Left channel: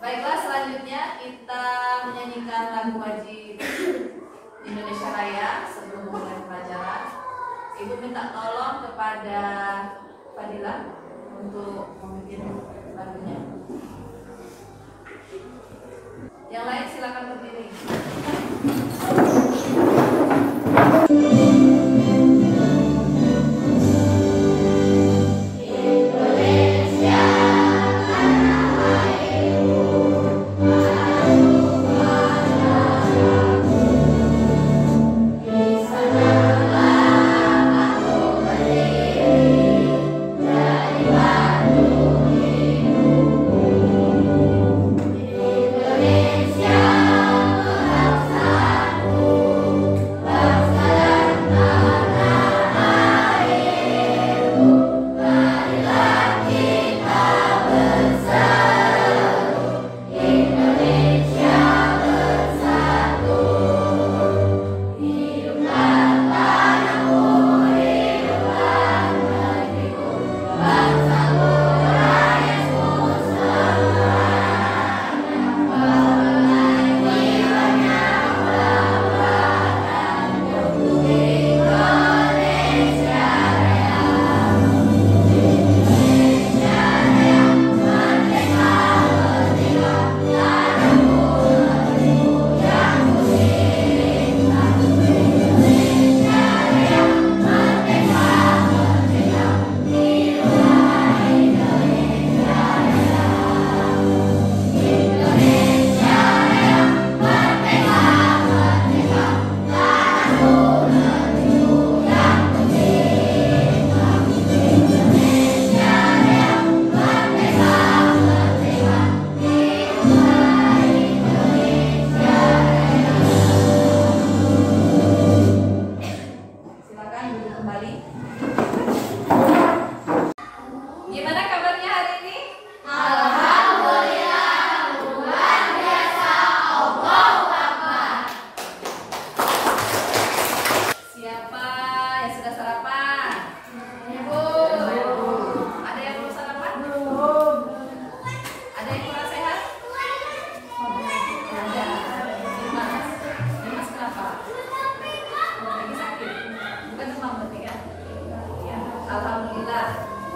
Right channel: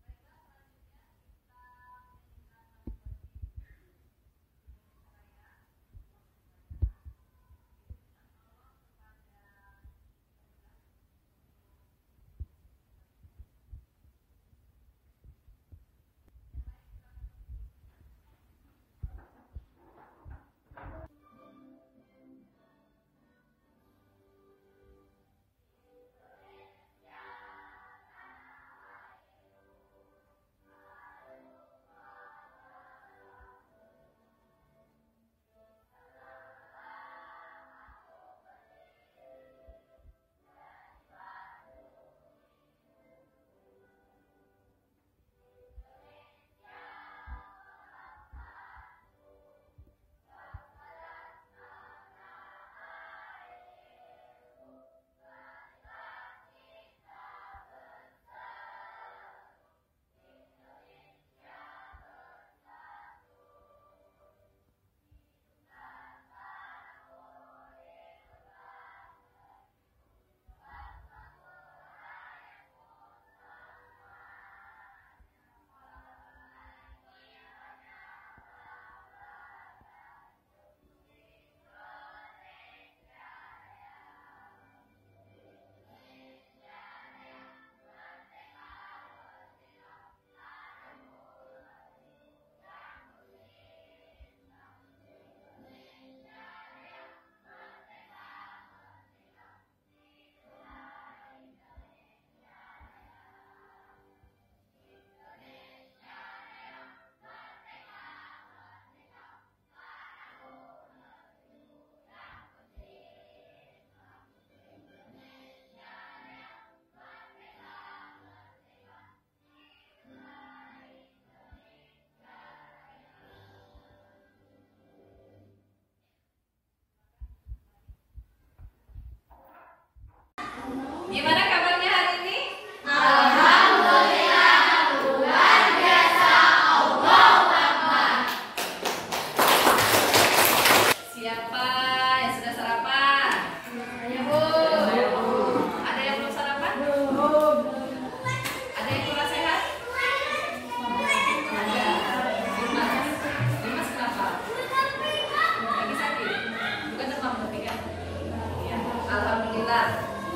Baiklah, selanjutnya kita menyanyikan lagu wajib Indonesia Raya sebelum mulai pelajaran. Ibu minta tolong kepada Fadila untuk membikin lagunya. Yang lain silakan berdiri.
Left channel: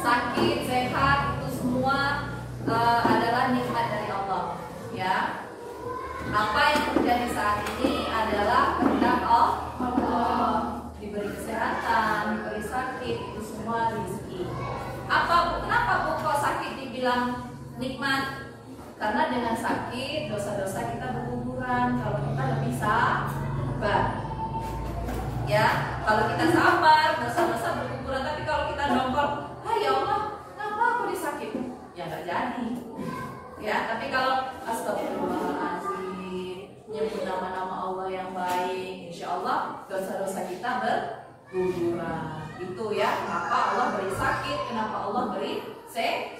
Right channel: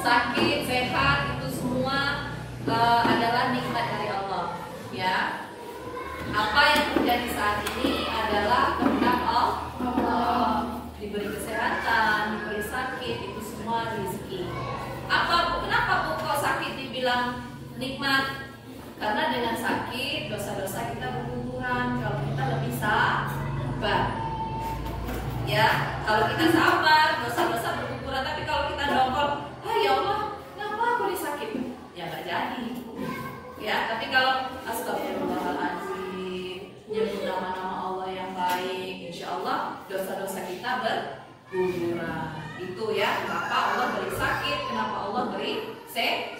Sakit, sehat, itu semua adalah nikmat dari Allah. Ya, apa yang terjadi saat ini adalah kehendak Allah. Diberi kesehatan, diberi sakit, itu semua rezeki. Kenapa Bu kok sakit dibilang nikmat? Karena dengan sakit dosa-dosa kita berguguran. Kalau kita lebih sabar, ya, kalau kita sabar dosa-dosa berguguran. Tapi kalau kita dongkol, ya Allah, kenapa aku disakit? Ya nggak jadi. Ya, tapi kalau astagfirullahaladzim, nyebut nama-nama Allah yang baik, insya Allah dosa-dosa kita berguguran. Itu ya, kenapa Allah beri sakit, kenapa Allah beri sehat.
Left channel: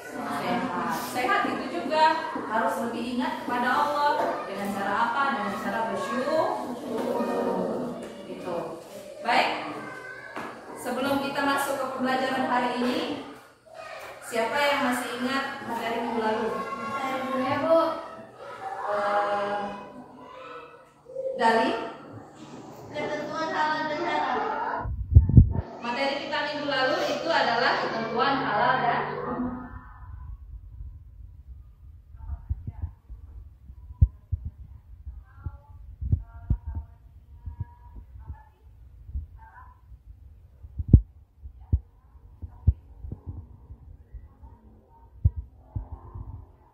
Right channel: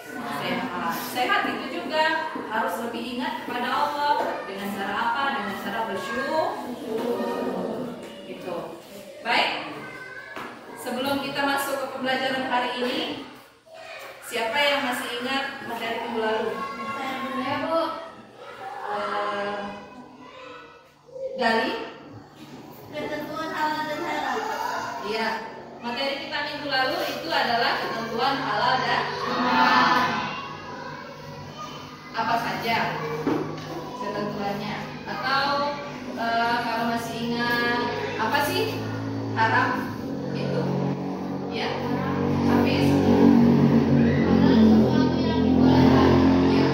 Sehat itu juga harus lebih ingat kepada Allah. Dengan cara apa? Dengan cara bersyukur. Gitu. Baik. Sebelum kita masuk ke pembelajaran hari ini, siapa yang masih ingat materi minggu lalu? Ya, Bu. Dari Ketentuan halal dan haram. Iya, materi kita minggu lalu itu adalah ketentuan halal dan haram. Apa saja ketentuannya? Atau kalau masih ingat, apa sih haram itu? Ya, habis. Ya,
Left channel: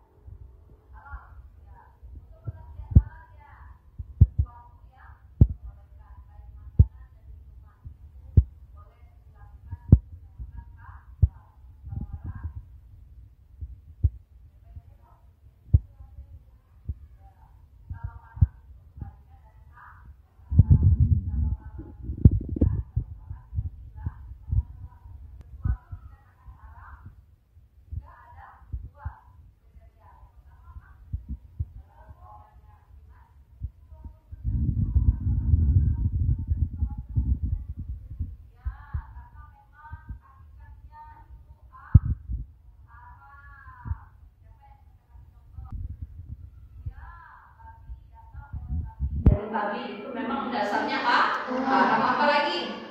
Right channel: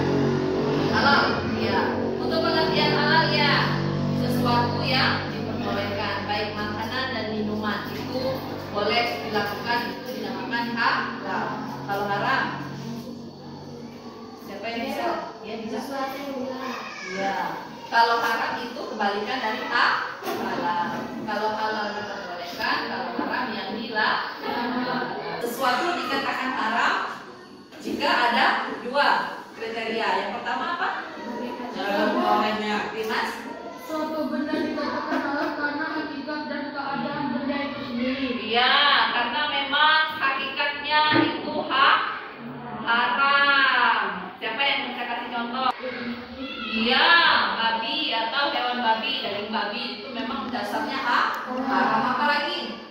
halal. Ya, untuk pengertian halal ya, sesuatu yang diperbolehkan, baik makanan dan minuman itu boleh dilakukan, itu dinamakan halal. Kalau haram, siapa yang bisa? Ya, bisa. Ya, kalau haram itu kebalikan dari halal. Kalau halal diperbolehkan, kalau haram yang dilarang. Sesuatu dikatakan haram jika ada dua kriteria. Yang pertama apa? Dimas? Suatu benda dikatakan halal karena hakikat dan keadaan benda itu sendiri. Iya, karena memang hakikatnya itu haram. Siapa yang bisa kasih contoh? Iya, babi atau hewan babi, daging babi itu memang dasarnya haram. Apa lagi?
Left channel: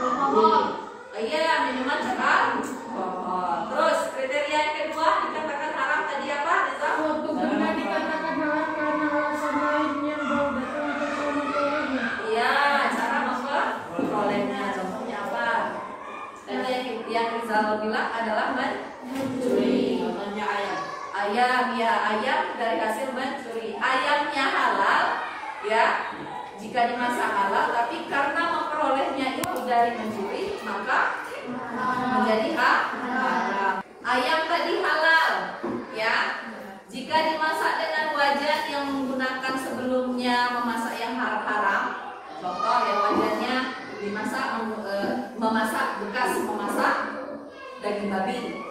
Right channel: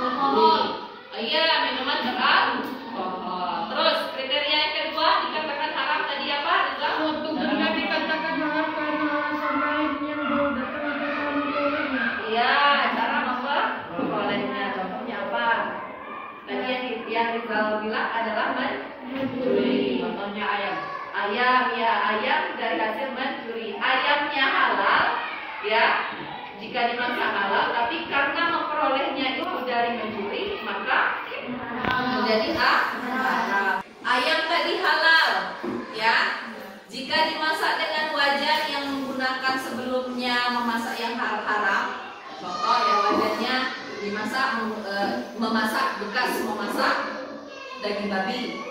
Alkohol. Iya, minuman beralkohol. Terus kriteria yang kedua dikatakan haram tadi apa? Reza? Suatu benda dikatakan haram karena alasan lain yang berdasarkan memperolehnya. Iya, cara memperolehnya. Contohnya apa? Tadi yang Rizal bilang adalah mencuri. Contohnya ayam. Ayam, ya ayam dari hasil mencuri. Ayamnya halal, ya. Jika dimasak halal, tapi karena memperolehnya itu dari mencuri, maka menjadi haram. Ayam tadi halal, ya. Jika dimasak dengan wajan yang menggunakan sebelumnya memasak yang haram, contoh ya wajannya dimasak memasak bekas memasak daging babi,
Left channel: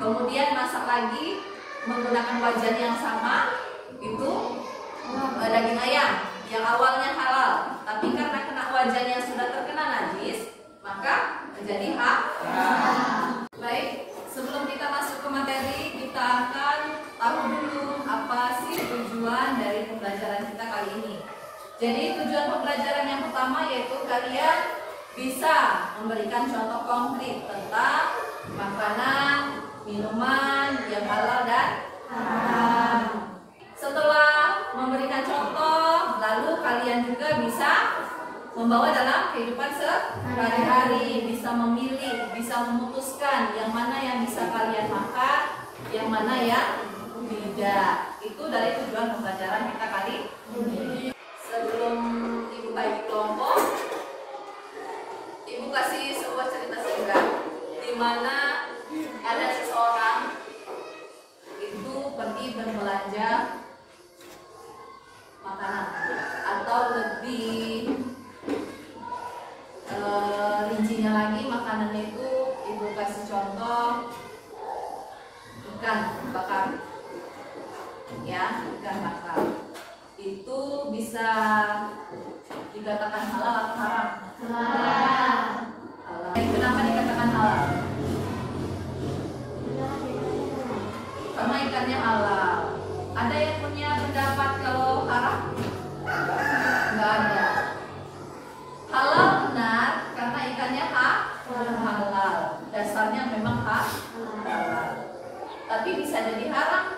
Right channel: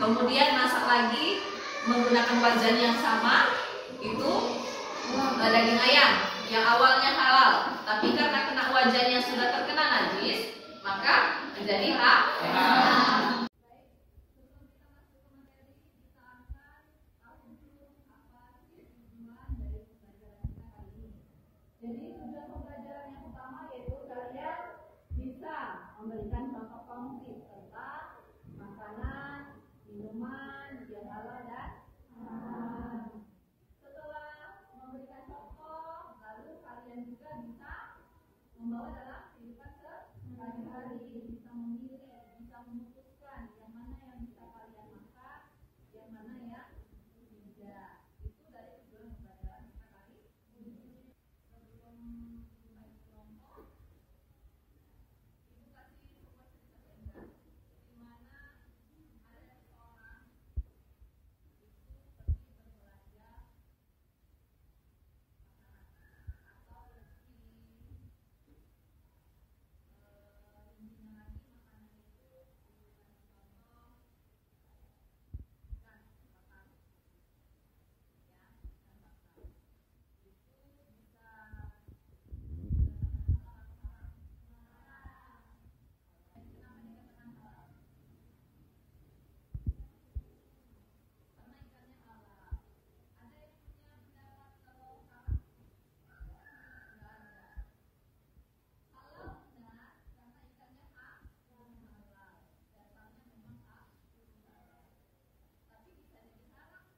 kemudian masak lagi menggunakan wajan yang sama itu daging ayam yang awalnya halal, tapi karena kena wajan yang sudah terkena najis, maka menjadi haram. Baik, sebelum kita masuk ke materi, kita akan tahu dulu apa sih tujuan dari pembelajaran kita kali ini. Jadi tujuan pembelajaran yang pertama yaitu kalian bisa memberikan contoh konkret tentang makanan, minuman yang halal dan haram. Setelah memberikan contoh, lalu kalian juga bisa membawa dalam kehidupan sehari-hari, bisa memilih, bisa memutuskan yang mana yang bisa kalian makan, yang mana yang tidak. Itu dari tujuan pembelajaran kita kali ini. Sebelum Ibu bagi kelompok, Ibu kasih sebuah cerita singkat di mana ada seseorang itu pergi berbelanja makanan, atau lebih rincinya lagi makanannya itu Ibu kasih contoh ikan bakar, ya, ikan bakar itu bisa dikatakan halal atau haram? Halal. Kenapa dikatakan halal? Karena ikannya halal. Ada yang punya pendapat kalau haram? Enggak ada. Halal benar karena ikannya halal. Dasarnya memang halal. Tapi bisa jadi haram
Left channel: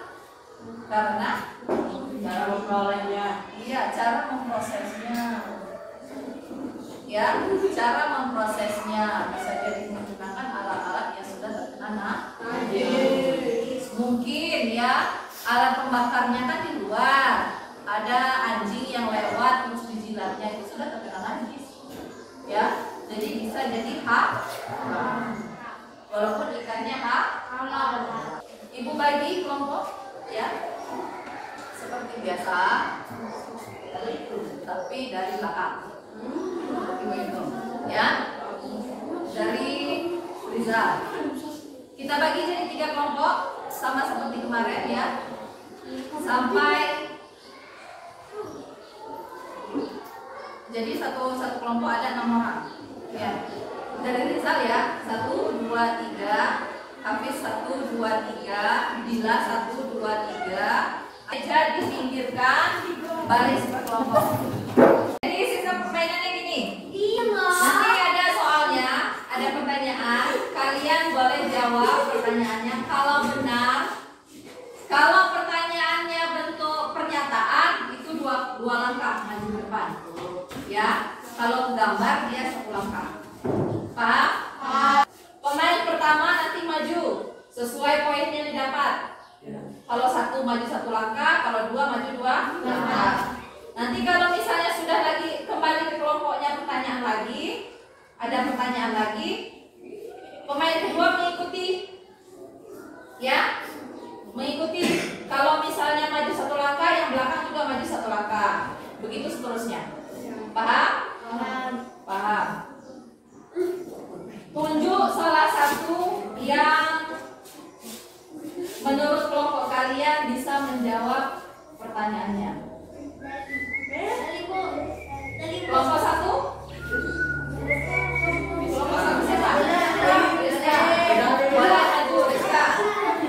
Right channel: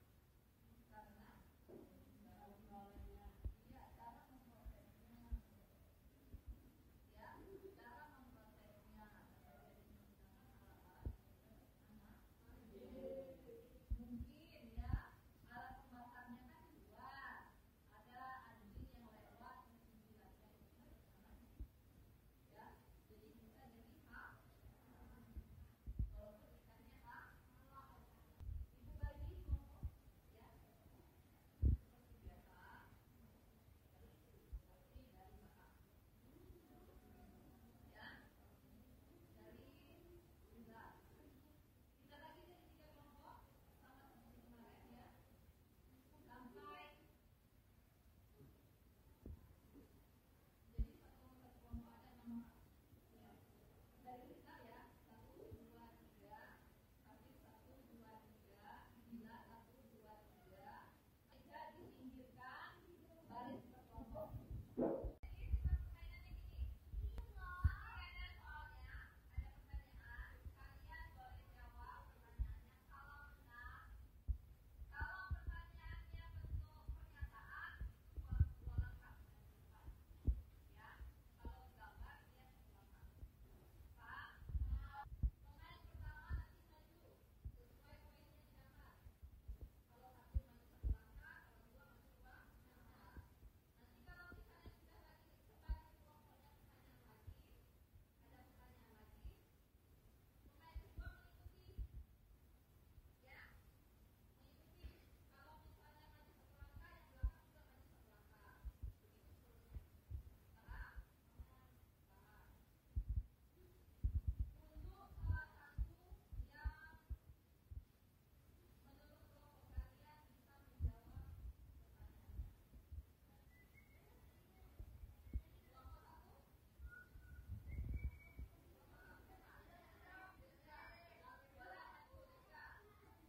karena cara memperolehnya. Iya, cara memprosesnya. Ya, cara memprosesnya bisa jadi menggunakan alat-alat yang sudah terkena najis. Mungkin ya alat pembakarnya kan di luar, ada anjing yang lewat terus dijilatnya itu sudah terkena najis, ya. Jadi bisa jadi haram walaupun ikannya halal. Ibu bagi kelompok, ya, seperti biasa, tapi dari belakang, ya, dari Rizal. Kita bagi jadi 3 kelompok, sama seperti kemarin, ya, sampai jadi satu kelompok ada 6 orang, ya. Dari Rizal ya, 1, 2, 3, Hafiz 1, 2, 3, Bila 1, 2, 3. Aja dipinggirkan baris berkelompok. Jadi sistem permainannya gini. Nanti ada soalnya, ada pertanyaan. Kalian boleh jawab pertanyaannya kalau benar. Kalau pertanyaannya bentuk pernyataan itu dua langkah maju ke depan, ya. Kalau gambar dia 1 langkah. Paham? Pemain pertama nanti maju sesuai poin yang didapat. Kalau 1 maju 1 langkah, kalau 2 maju 2 langkah. Nanti kalau misalnya sudah lagi kembali ke kelompoknya pertanyaan lagi, ada pertanyaan lagi, pemain kedua mengikuti, ya, mengikuti. Kalau misalnya maju 1 langkah, yang belakang juga maju 1 langkah. Begitu seterusnya. Paham? Paham. Tunjuk salah satu yang menurut kelompok kalian bisa menjawab pertanyaannya. Kelompok 1? Kelompok 1 siapa? Rizka. Boleh maju Rizka. Maju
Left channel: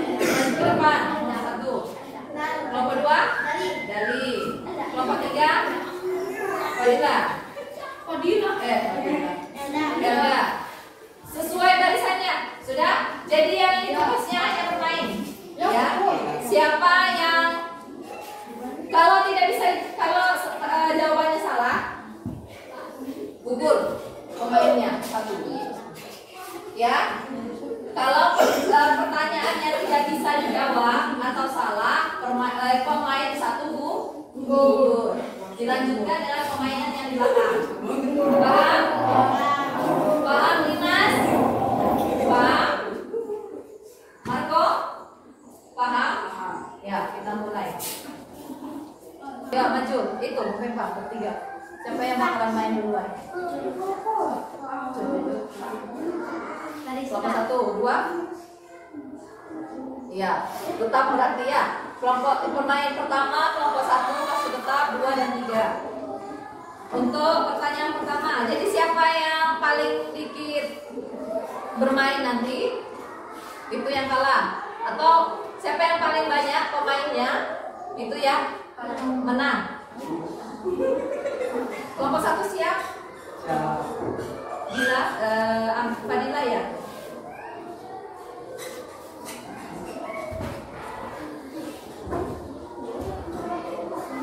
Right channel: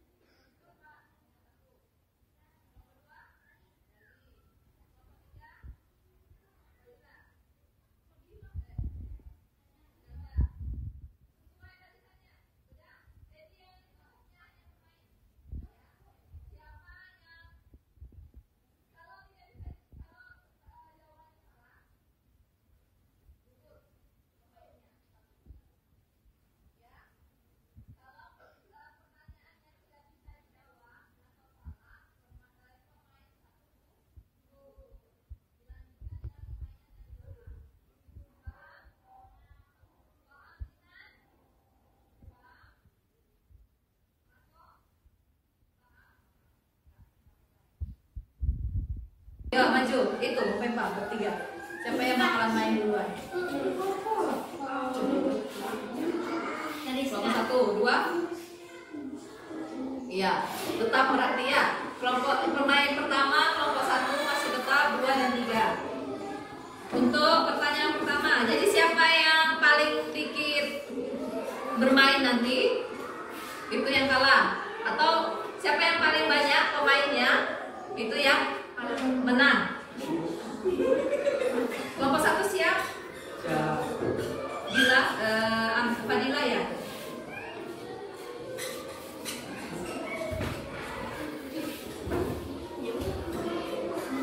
ke depan. Yang 1. lanjutkan dengan permainan yang di belakang. Paham? Paham, Dimas? Paham? Marco? Paham? Ya, kita mulai. Ya, maju. Itu, Pempa, bertiga. Siapa yang bakalan main duluan? Kelompok 1, 2. Iya, tetap berarti ya. Kelompok permainan pertama, kelompok 1 masih tetap 2 dan 3. Untuk pertanyaan pertama, jadi siapa yang paling dikit bermain nanti itu yang kalah, atau siapa yang paling banyak pemainnya itu yang menang. Kelompok 1 siap? Bila Fadila ya.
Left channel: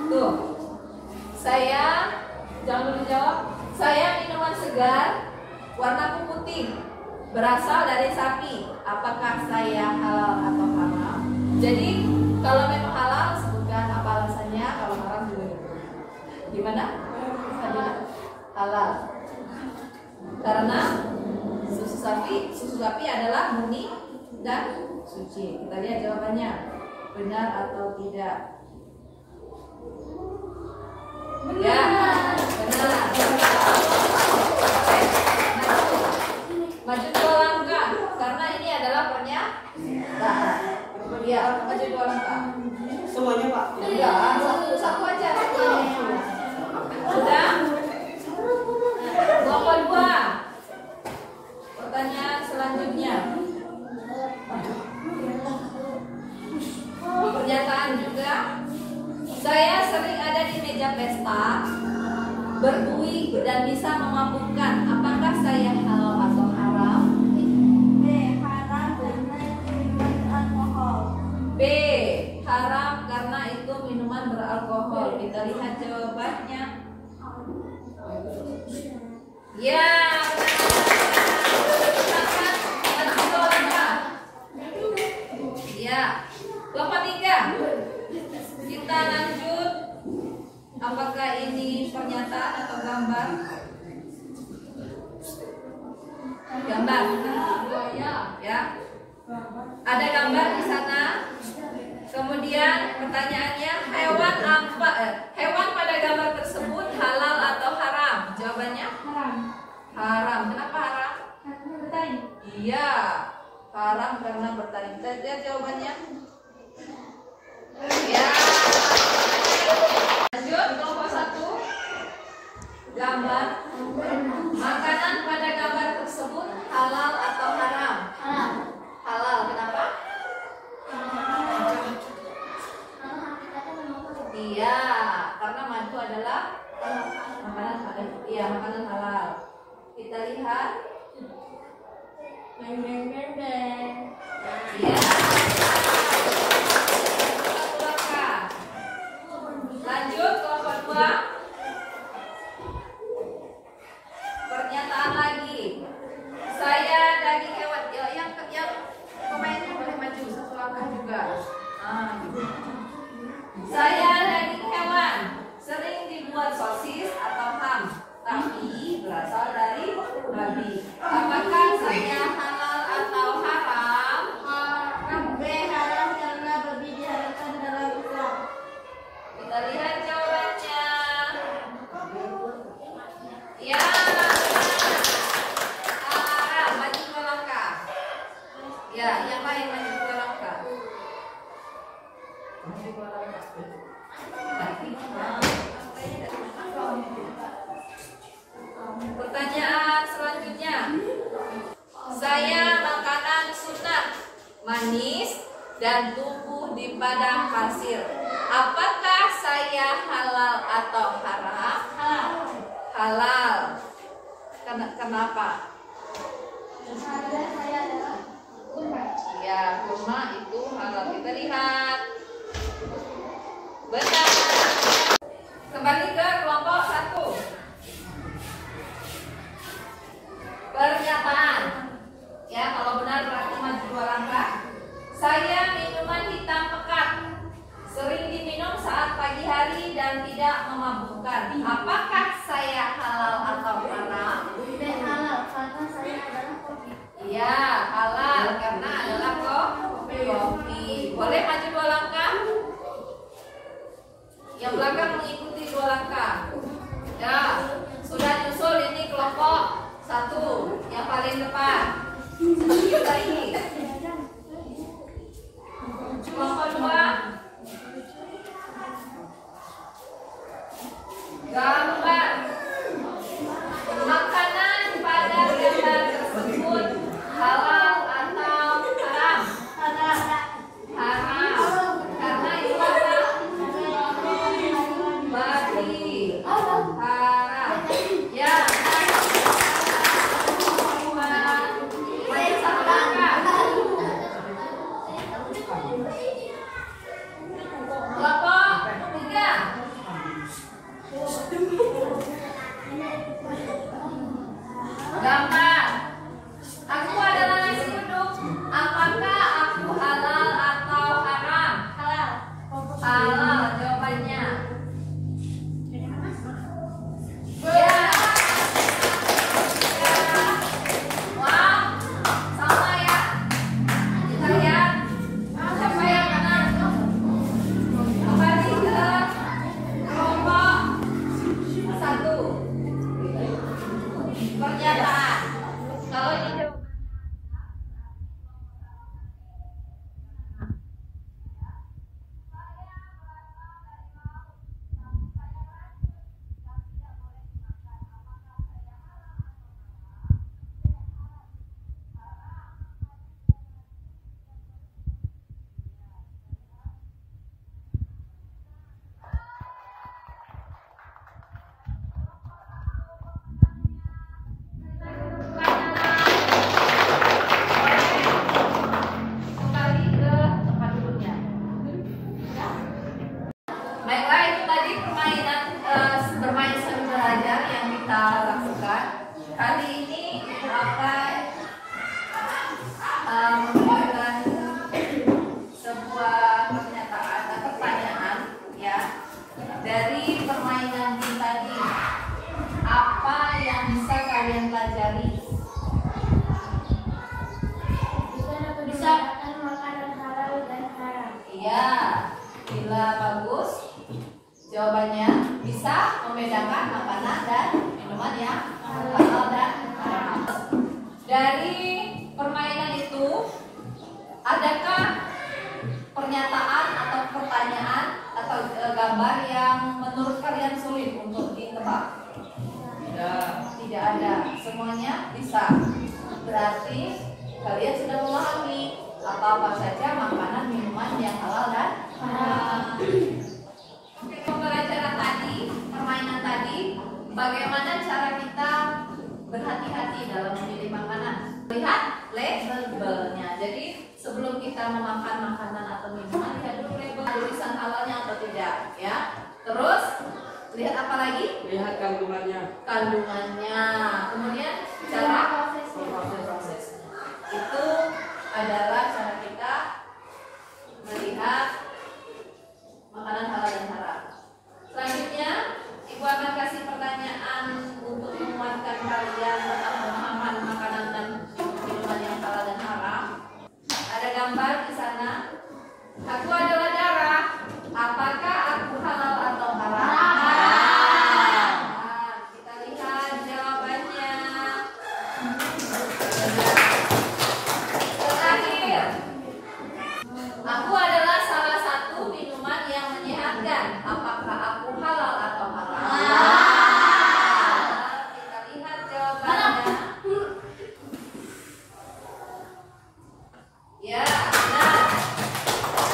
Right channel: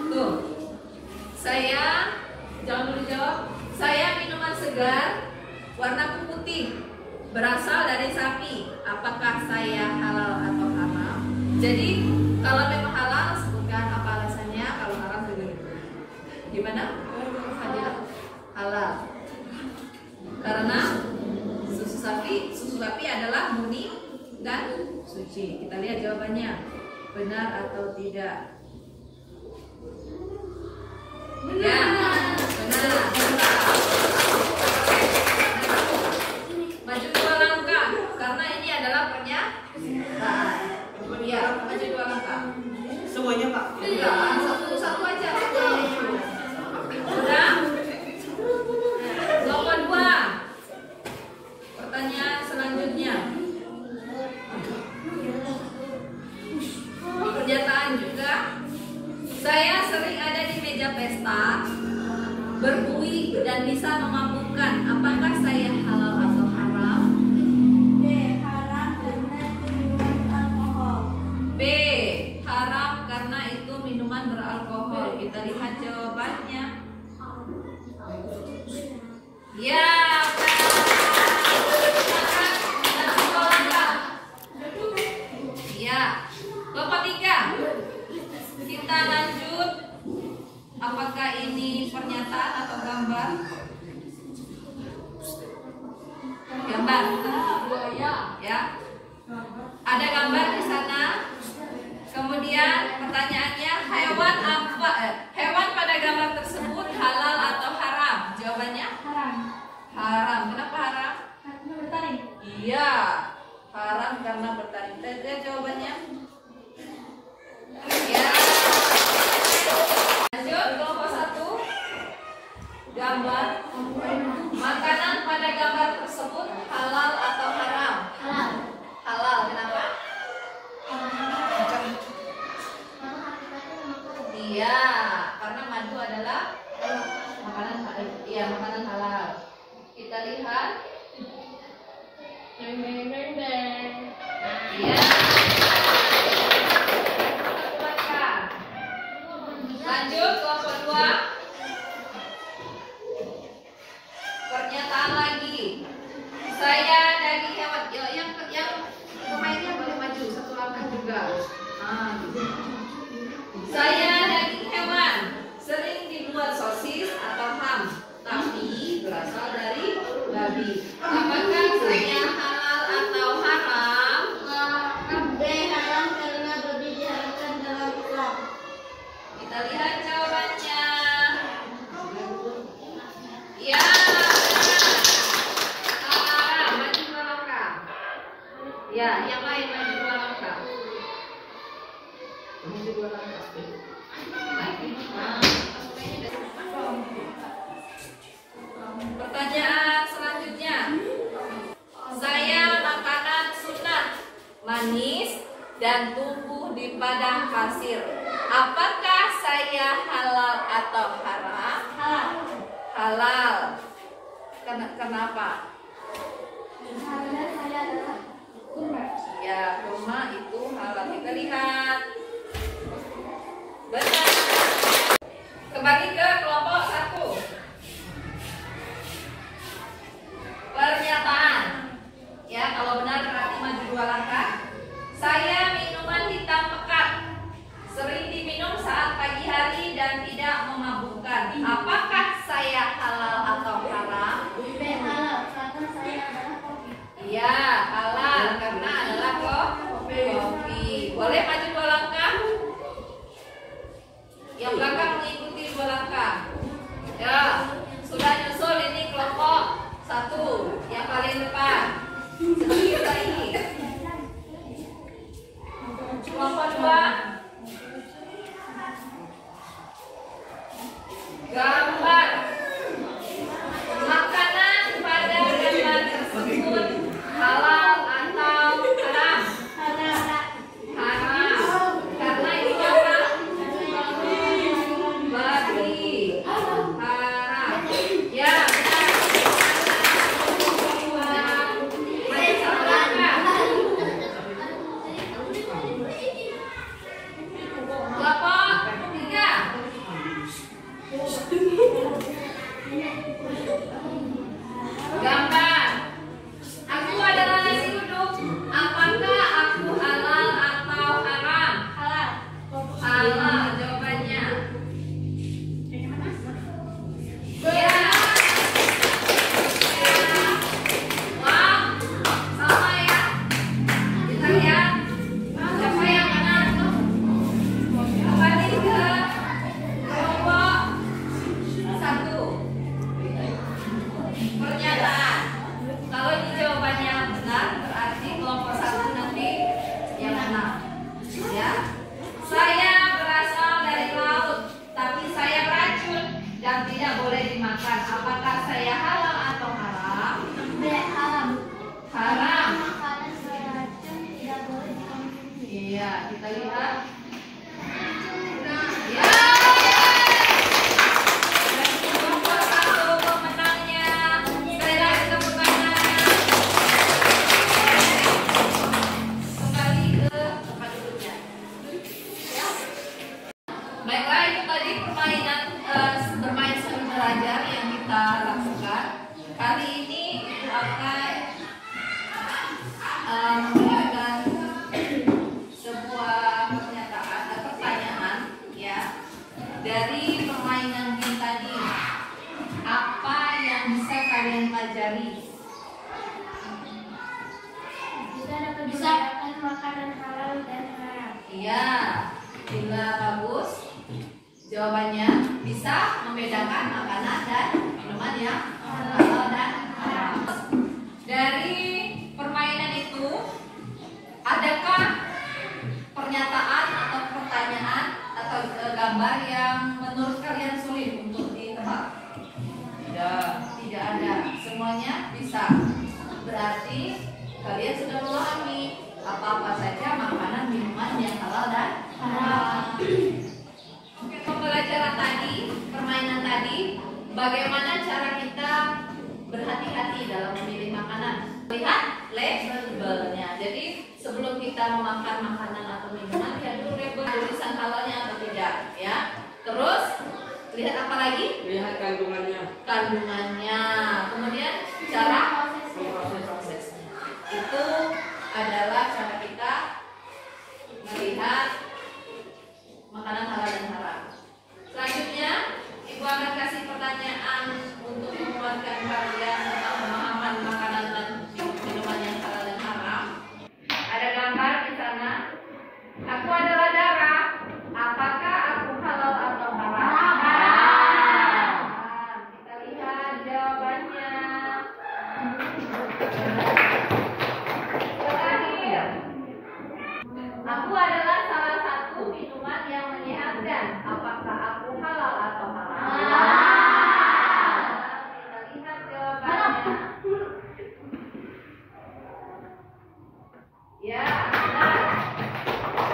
Tuh, saya jangan dulu jawab. Saya minuman segar warna putih berasal dari sapi. Apakah saya halal atau haram? Jadi kalau memang halal sebutkan apa alasannya. Kalau haram juga gitu. Gimana? Fadila? Halal. Karena susu sapi adalah murni dan suci. Kita lihat jawabannya, benar atau tidak. Ya, benar. Maju 2 langkah, karena ini adalah pernyataan. Ya, maju 2 langkah. Semuanya Pak? Enggak, satu aja. Sudah? Kelompok 2. Pertanyaan selanjutnya. Pernyataan juga. Saya sering ada di meja pesta, berbui dan bisa memabukkan. Apakah saya halal atau haram? B. Haram karena itu minuman beralkohol. Kita lihat jawabannya. Ya, ya. Kelompok 3. Kita lanjut. Apakah ini pernyataan atau gambar? Gambar. Ya. Ada gambar di sana. Kemudian pertanyaannya, hewan pada gambar tersebut halal atau haram? Jawabannya? Haram. Kenapa haram? Iya, haram karena bertaring. Kita lihat jawabannya. Ya. Lanjut, kelompok 1. Gambar. Makanan pada gambar tersebut halal atau haram? Halal. Kenapa? Iya, karena madu adalah makanan halal. Iya, makanan halal. Kita lihat. Iya. Lanjut, kelompok 2. Pernyataan lagi. Saya daging hewan. Yang pemainnya boleh maju 1 langkah juga. Gitu. Saya daging hewan, sering dibuat sosis atau ham, tapi berasal dari babi. Apakah saya halal atau haram? B. Haram karena babi diharamkan dalam Islam. Kita lihat jawabannya. Ya, haram. Maju 2 langkah. Ya, yang lain maju 2 langkah. Maju 2 langkah. Pertanyaan selanjutnya. Saya makanan sunat, manis dan tumbuh di padang pasir. Apakah saya halal atau haram? Halal. Kenapa? Ya, kurma itu halal. Kita lihat. Benar. Kembali ke kelompok 1. Pernyataan. Ya, kalau benar berarti maju 2 langkah. Saya minuman hitam pekat, sering diminum saat pagi hari dan tidak memabukkan. Baiklah, itu tadi permainan bermain sambil belajar yang kita lakukan. Kali ini Ibu akan memberikan sebuah pernyataan atau pertanyaan ya dari permainan game tadi. Apa yang bisa kalian pelajari? Bisa makan makanan halal dan haram. Iya, bila bagus. Jawabannya bisa membedakan makanan dan minuman yang halal dan haram. Dari permainan itu, adakah pernyataan atau pertanyaan atau gambar yang menurut kalian sulit untuk ditebak? Tidak ada. Semuanya bisa. Berarti kalian sudah memahami apa-apa saja makanan minuman yang halal dan haram. Oke, pembelajaran tadi, permainan tadi, bagaimana cara kita berhati-hati dalam memilih makanan? Lihat labelnya. Jadi sebelum kita memakan makanan atau minuman, lihat dulu label tulisan halalnya atau tidak, ya. Terus lihat apa lagi? Lihat kandungannya. Kandungannya. Kemudian cara prosesnya. Itu adalah cara kita melihat makanan halal dan haram. Selanjutnya, Ibu akan kasih pertanyaan untuk menguatkan kalian tentang pemahaman makanan dan minuman yang halal dan haram. Ada gambar di sana. Aku adalah darah. Apakah aku halal atau haram? Kita lihat jawabannya. Terakhir, aku adalah salah satu minuman yang menyehatkan. Apakah aku halal atau haram? Kita lihat jawabannya. Ya, benar.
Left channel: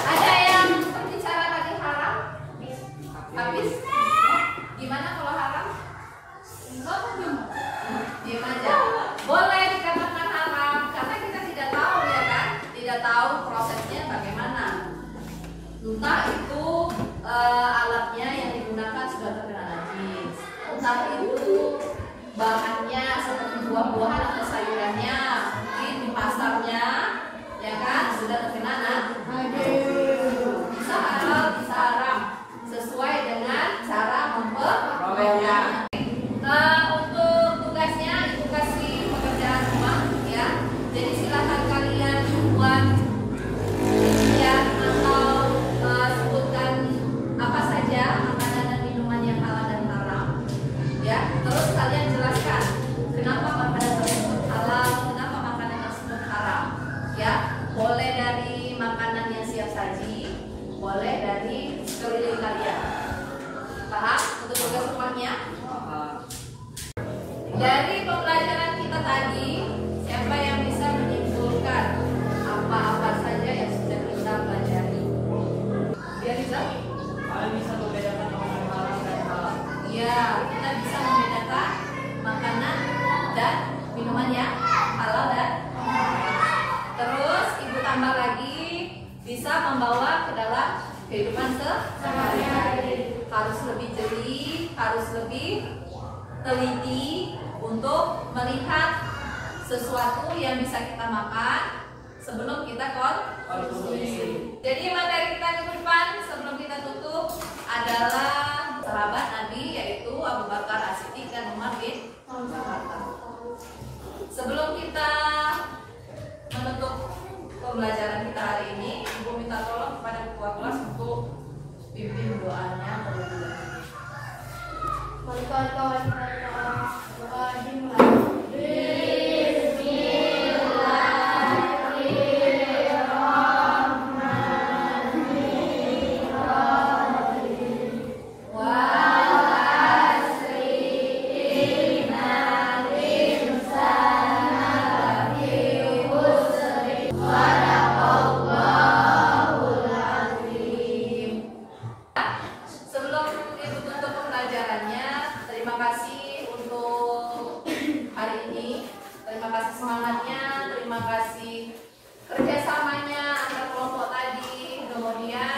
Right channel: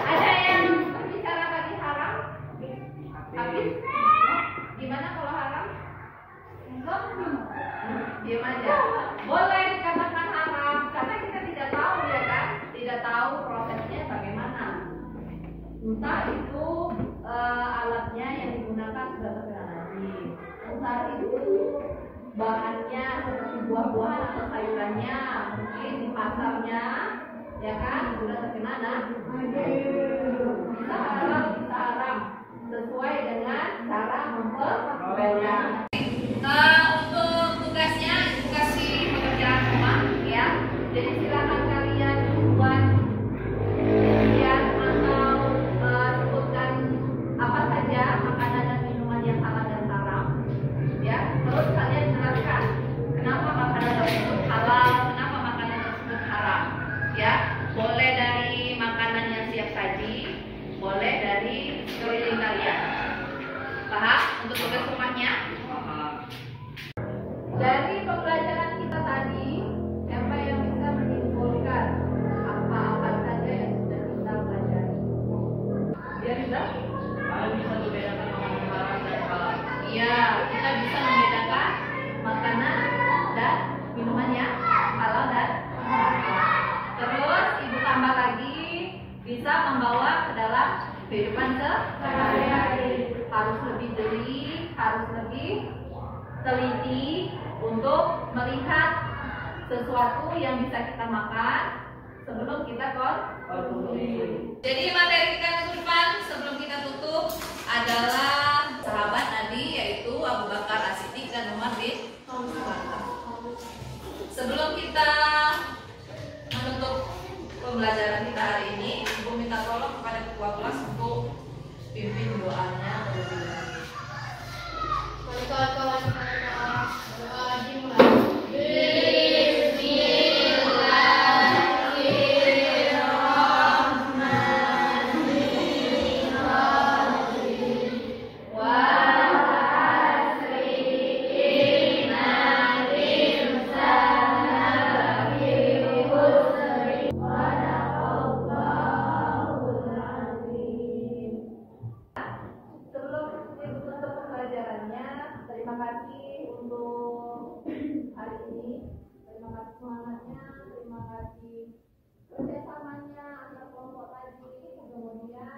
Ada yang berbicara tadi haram? Habis? Gimana kalau haram? Diam aja. Boleh dikatakan haram karena kita tidak tahu ya kan? Tidak tahu prosesnya bagaimana. Entah itu alatnya yang digunakan sudah terkena najis, entah itu bahannya seperti buah-buahan atau sayurannya mungkin di pasarnya ya kan sudah terkena najis. Bisa halal, bisa haram sesuai dengan cara memperolehnya. Untuk tugasnya Ibu kasih pekerjaan rumah ya. Jadi silakan kalian buat lihat atau sebutkan apa saja makanan dan minuman yang halal dan haram ya. Terus kalian jelaskan kenapa makanan tersebut halal, kenapa makanan tersebut haram ya. Boleh dari makanan yang siap saji, boleh dari sekeliling kalian. Paham untuk tugas rumahnya? Dari pembelajaran kita tadi, siapa yang bisa menyimpulkan apa-apa saja yang sudah kita pelajari? Ya, Riza? Kalian bisa membedakan makanan haram dan halal. Iya, kita bisa membedakan makanan dan minuman yang halal dan haram. Terus Ibu tambah lagi bisa membawa ke dalam kehidupan sehari-hari. Harus lebih jeli, harus lebih teliti untuk melihat sesuatu yang bisa kita makan sebelum kita konsumsi. Jadi materi kita minggu depan sebelum kita tutup adalah sahabat Nabi yaitu Abu Bakar As-Siddiq dan Umar bin Khattab. Sebelum kita menutup pembelajaran kita hari ini, Ibu minta tolong kepada ketua kelas untuk pimpin doanya terlebih dahulu. Kawan-kawan doa dimulai. Sebelum Ibu tutup pembelajarannya, terima kasih untuk hari ini. Terima kasih semangatnya, terima kasih kerjasamanya antar kelompok tadi. Kemudian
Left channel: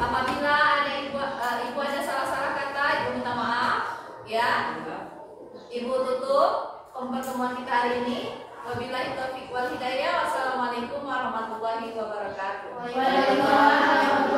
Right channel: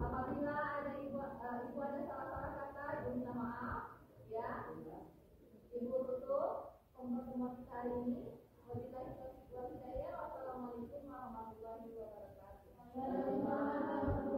apabila ada ibu pertemuan kita hari ini. Wabillahi taufiq wal hidayah. Wassalamualaikum warahmatullahi wabarakatuh. Waalaikumsalam.